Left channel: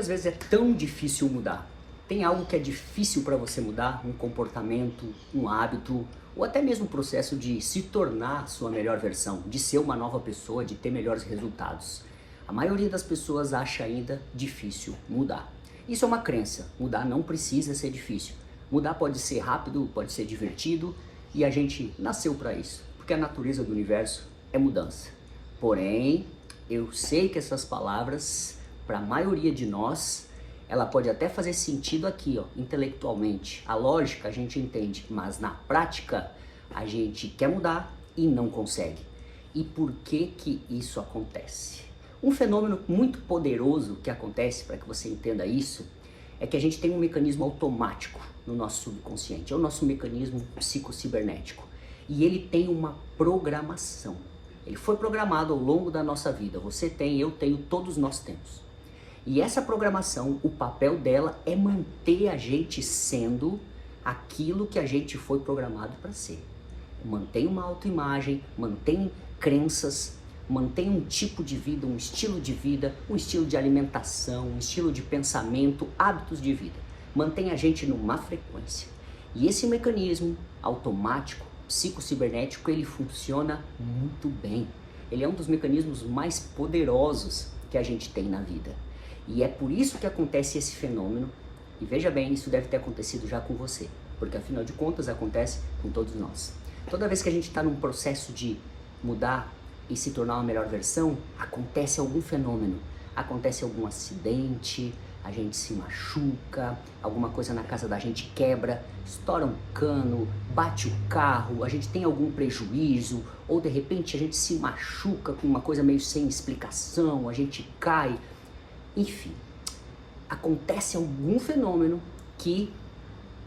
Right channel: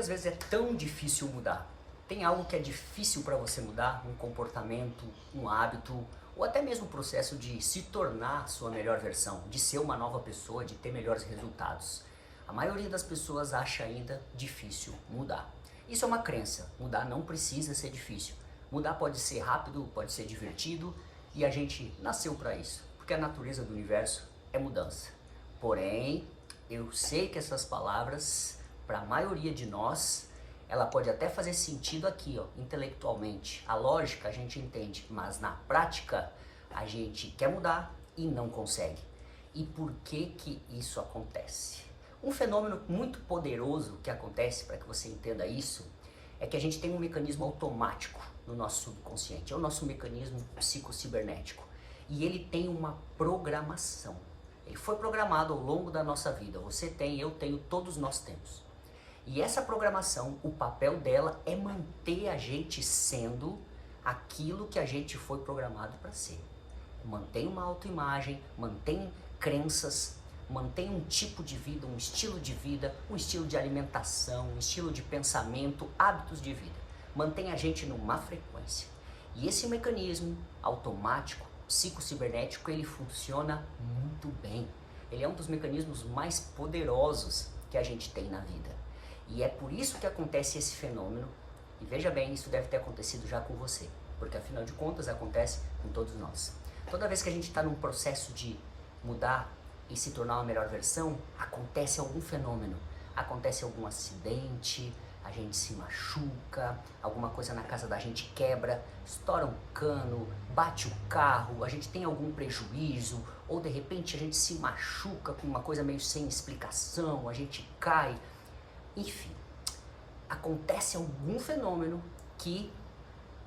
Às vezes é tão difícil mudar. Tem algo que é difícil para você mudar? Um comportamento, um hábito, ou até mesmo o processo de se tornar sua melhor versão, de ser uma nova pessoa, de ter melhores resultados. A maioria das pessoas acha ainda difícil mudar. Isso é uma crença. Mudar não precisa ser difícil. Mudar pode ser rápido, pode ser divertido, e a gente nasceu para isso, porque a natureza do universo é mudança. Porém, eu sei que essas palavras, para a maioria de nós, ela pode até fazer sentido aqui, ó, intelectualmente. A lógica a gente entende, mas na prática a gente quer mudar e não consegue. E por que que isso acontece? Um fenômeno muito poderoso que acontece, para que você entenda isso, é que a gente tem um mecanismo automático no nosso subconsciente. É o nosso mecanismo psicocibernético. E ele tem uma programação. Ele foi programado ao longo da nossa vida. Você tem, eu tenho, todos nós temos. E essa programação, o papel dela é manter a gente sendo aquilo que a gente foi programado para ser. Mantém uma autoimagem, mantém crenças, mantém um tipo de vida, um estilo de alimentação, um estilo de pensamento, hábitos de vida. Mantém a gente numa frequência. E esse mecanismo automático, psicocibernético, ele funciona muito bem. Ele é um dos mecanismos mais poderosos que a gente tem na vida. E é por isso que acontece esse fenômeno. E veja bem, isso deve ter acontecido já com você, porque afinal de contas acontece com todos nós. Toda vez que a gente está num processo de mudar e se tornar uma melhor versão, acontece algum fenômeno, acontece algum acidente, a gente se machuca, alguma coisa na casa da gente quebra, estoura um cano, bate o carro, a gente tem algum prejuízo, ou de repente a gente se machuca com uma coisa meio sem explicação, a gente cai. Enfim, acontece algum fenômeno que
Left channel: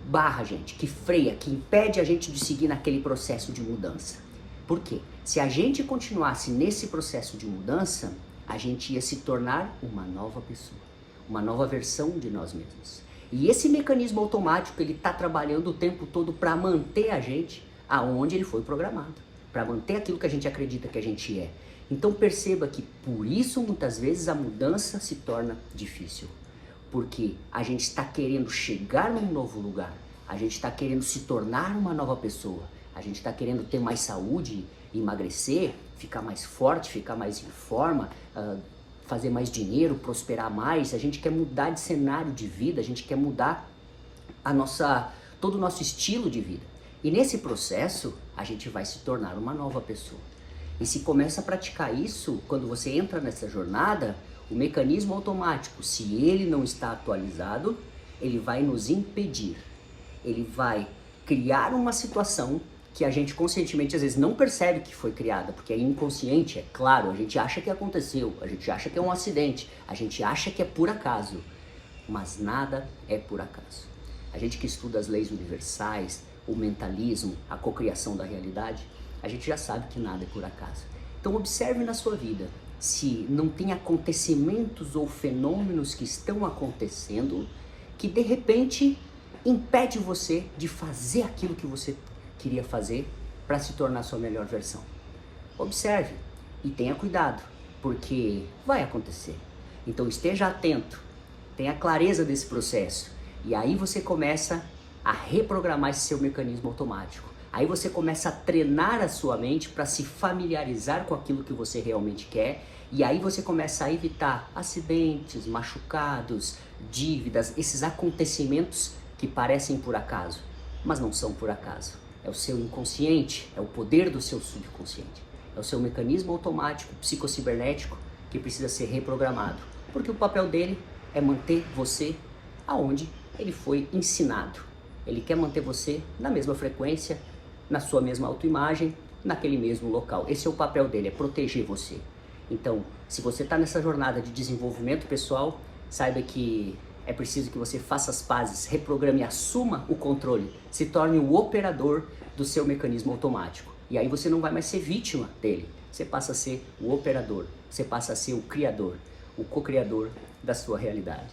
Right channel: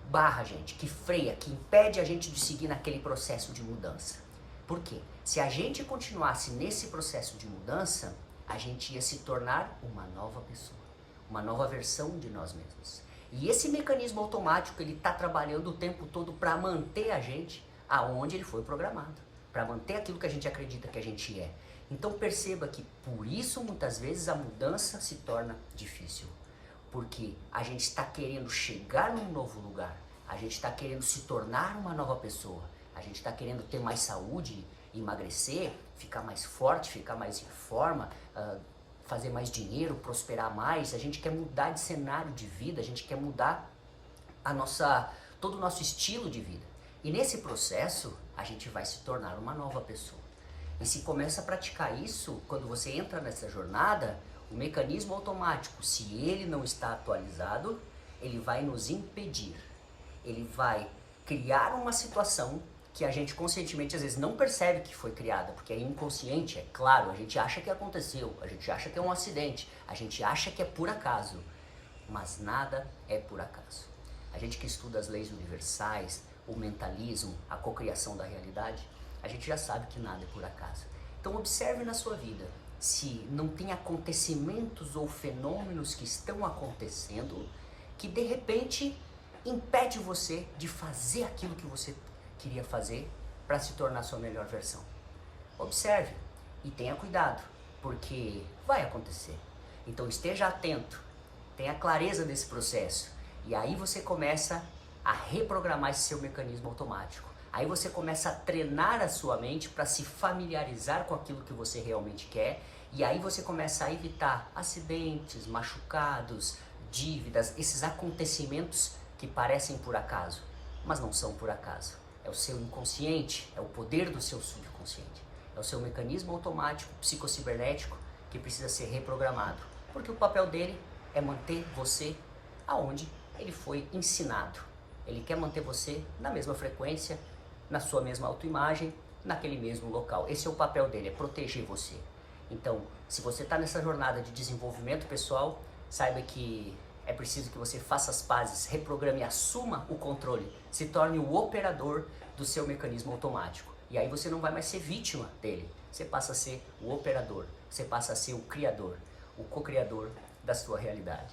barra a gente, que freia, que impede a gente de seguir naquele processo de mudança. Por quê? Se a gente continuasse nesse processo de mudança, a gente ia se tornar uma nova pessoa, uma nova versão de nós mesmos. E esse mecanismo automático, ele está trabalhando o tempo todo para manter a gente aonde ele foi programado, para manter aquilo que a gente acredita que a gente é. Então perceba que por isso muitas vezes a mudança se torna difícil, porque a gente está querendo chegar num novo lugar, a gente está querendo se tornar uma nova pessoa, a gente está querendo ter mais saúde, emagrecer, ficar mais forte, ficar mais em forma, fazer mais dinheiro, prosperar mais. A gente quer mudar de cenário de vida, a gente quer mudar todo o nosso estilo de vida. E nesse processo a gente vai se tornar uma nova pessoa. E se começa a praticar isso, quando você entra nessa jornada, o mecanismo automático, se ele não está atualizado, ele vai nos impedir. Ele vai criar uma situação que a gente conscientemente às vezes não percebe que foi criada, porque é inconsciente, é claro, a gente acha que aconteceu, a gente acha que é um acidente, a gente acha que é por acaso, mas nada é por acaso. A gente que estuda as leis universais, o mentalismo, a cocriação da realidade, a gente já sabe que nada é por acaso. Então observe na sua vida se não tem acontecimentos ou fenômenos que estão acontecendo que de repente impede você de fazer aquilo que você queria fazer para se tornar sua melhor versão. Observe e tenha cuidado, porque vai acontecer. Então esteja atento, tenha clareza desse processo e aí você começa a reprogramar esse seu mecanismo automático. Aí você começa a treinar a sua mente para se familiarizar com aquilo que você realmente quer e aí você começa a evitar acidentes, machucados, dívidas, esses acontecimentos que parecem por acaso, mas não são por acaso. É o seu inconsciente, é o poder do seu subconsciente. É o seu mecanismo automático, psicocibernético, que precisa ser reprogramado. Porque o papel dele é manter você aonde ele foi ensinado. Ele quer manter você na mesma frequência, na sua mesma autoimagem, naquele mesmo local. Esse é o papel dele, é proteger você. Então, se você está nessa jornada de desenvolvimento pessoal, saiba que é preciso que você faça as pazes, reprograme, assuma o controle, se torne o operador do seu mecanismo automático. E aí você não vai mais ser vítima dele, você passa a ser o operador, você passa a ser o criador, o co-criador da sua realidade.